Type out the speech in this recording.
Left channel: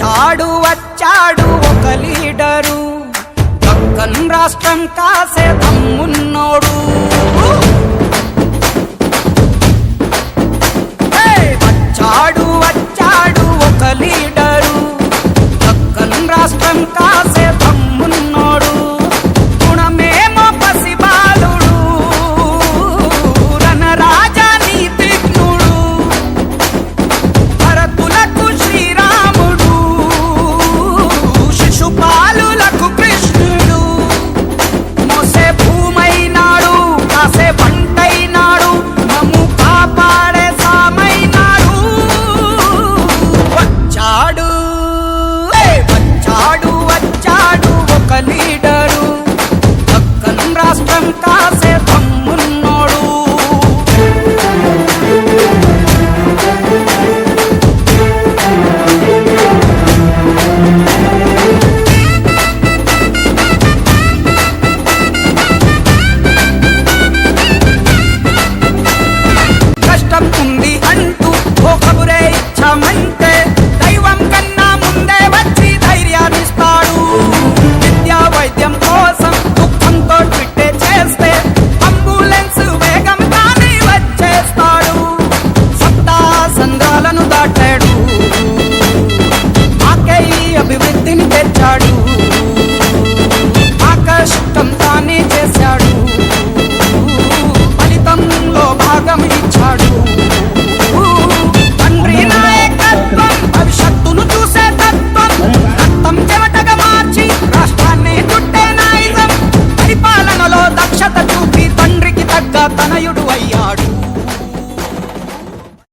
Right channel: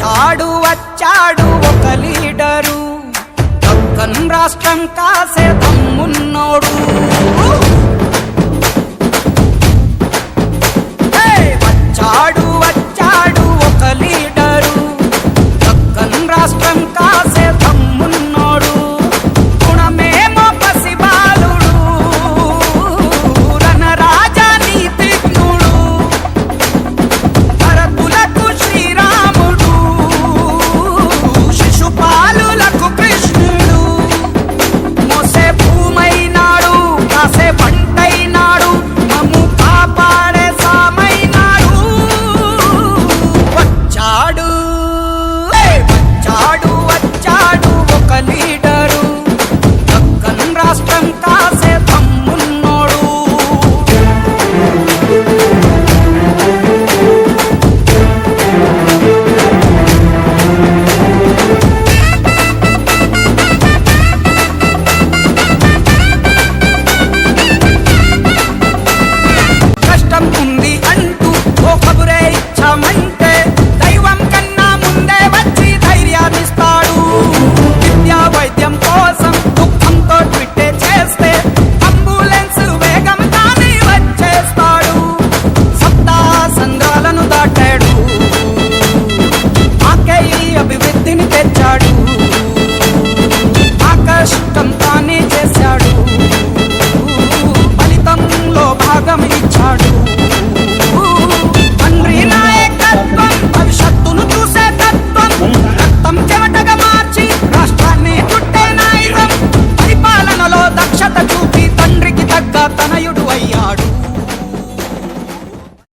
వచ్చాడు ఒక లీడరు, దక్కన్ రాష్ట్రం కాసే దమ్మున్నోడు. వచ్చాడు ఒక లీడరు, దక్కన్ రాష్ట్రం కాసే దమ్మున్నోడు. గుణమేమో పసిబాలుడు, రణరాజా నీతిజ్ఞుడు. భరతులకు శ్రీరాముడు, శిశుపాలులకు కృష్ణుడు. మోసే భూమైనాడు, కాసే పంటైనాడు, మమ్ము కాపాడే సామైనాడు. వచ్చాడు ఒక లీడరు, దక్కన్ రాష్ట్రం కాసే దమ్మున్నోడు. కష్టం ఉంది అంటూ ఓ కబురే ఇచ్చామంటే దైవం కన్నా ముందే వచ్చి ధైర్యాన్నిస్తాడు. విద్యా వైద్యం కోసం దుఃఖంతో ట్విట్టే చేస్తే అంబులెన్స్ వేగం కానీ వచ్చేస్తాడు. సప్తా సంద్రాలను దాటాడు, మాకే ఈ అభివృద్ధిని తెచ్చాడు. మా కష్టం తానే చేశాడు, ఫలితంలో భాగం ఇచ్చాడు.